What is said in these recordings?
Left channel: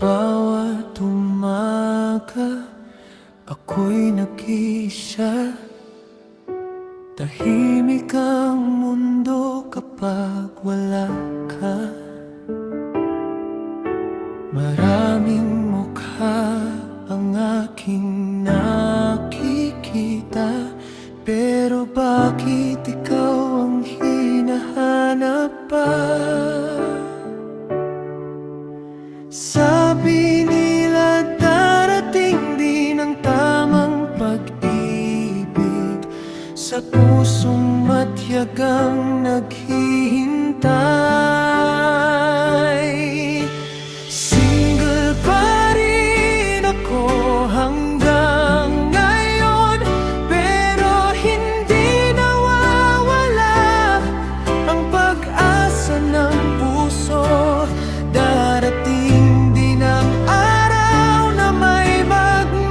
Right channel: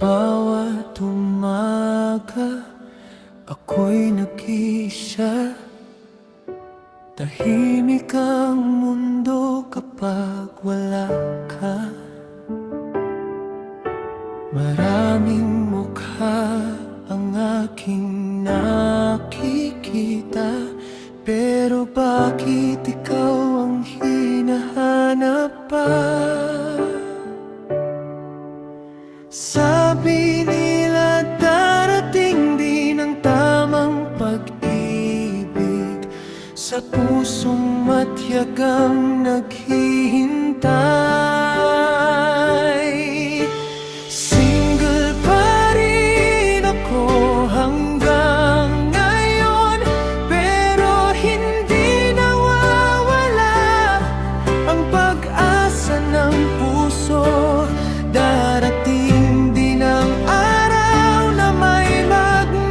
bawat umaga, ako'y nag-iisa. Tahimik ang mundo kapag wala ka. Maraming mukha ang aking nakikita, pero bakit ikaw ang hinahanap pa? Sabi nila darating din ang tamang pag-ibig sa pusong matyagang naghihintay. Single pa rin ako hanggang ngayon, pero hindi nawawala ang pag-asa ng puso. Darating din ang araw na may magmamahal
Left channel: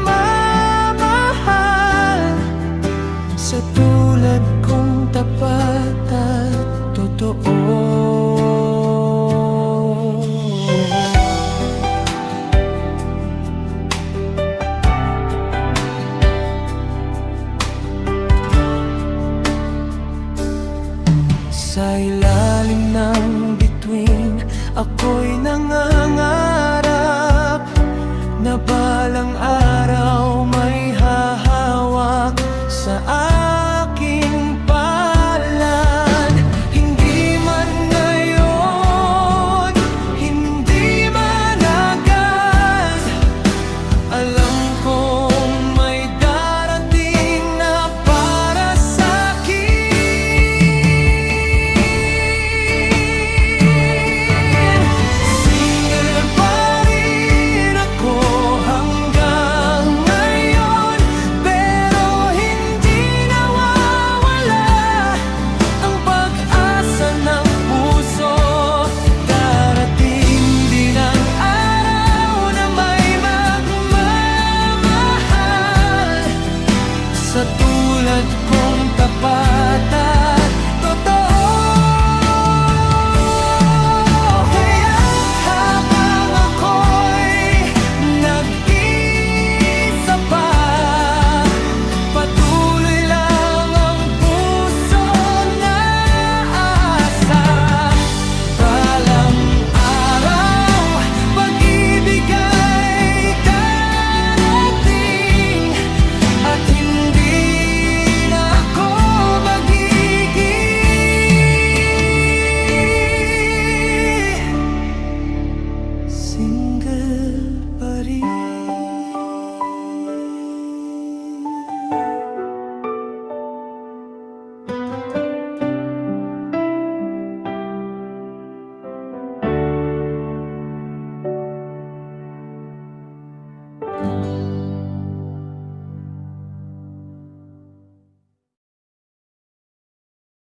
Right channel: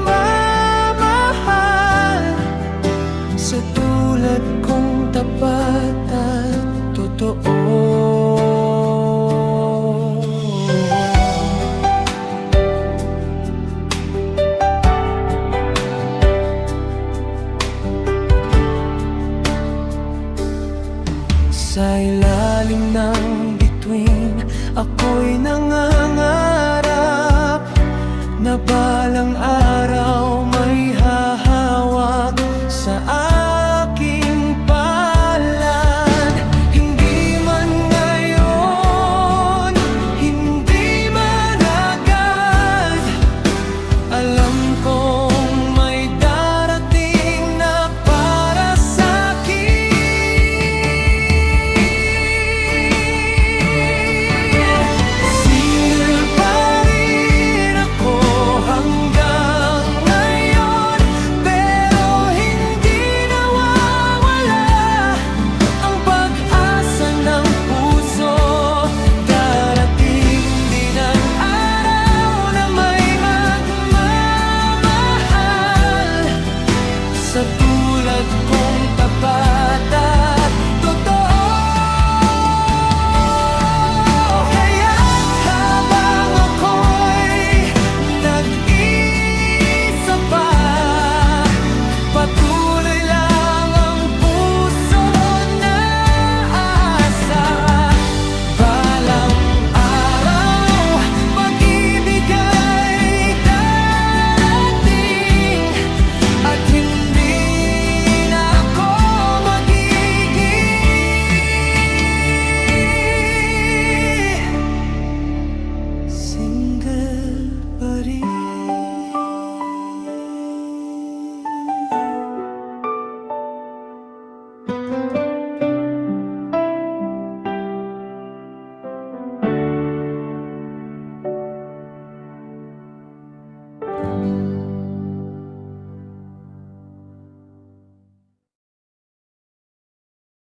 sa tulad kong tapat at totoo. Sa ilalim ng bituin, ako'y nangangarap na balang araw may hahawak sa aking palad. Hindi man ngayon, hindi man agad, alam kong may darating na para sa'kin. Single pa rin ako hanggang ngayon, pero hindi nawawala ang pag-asa ng puso. Darating din ang araw na may magmamahal sa tulad ko.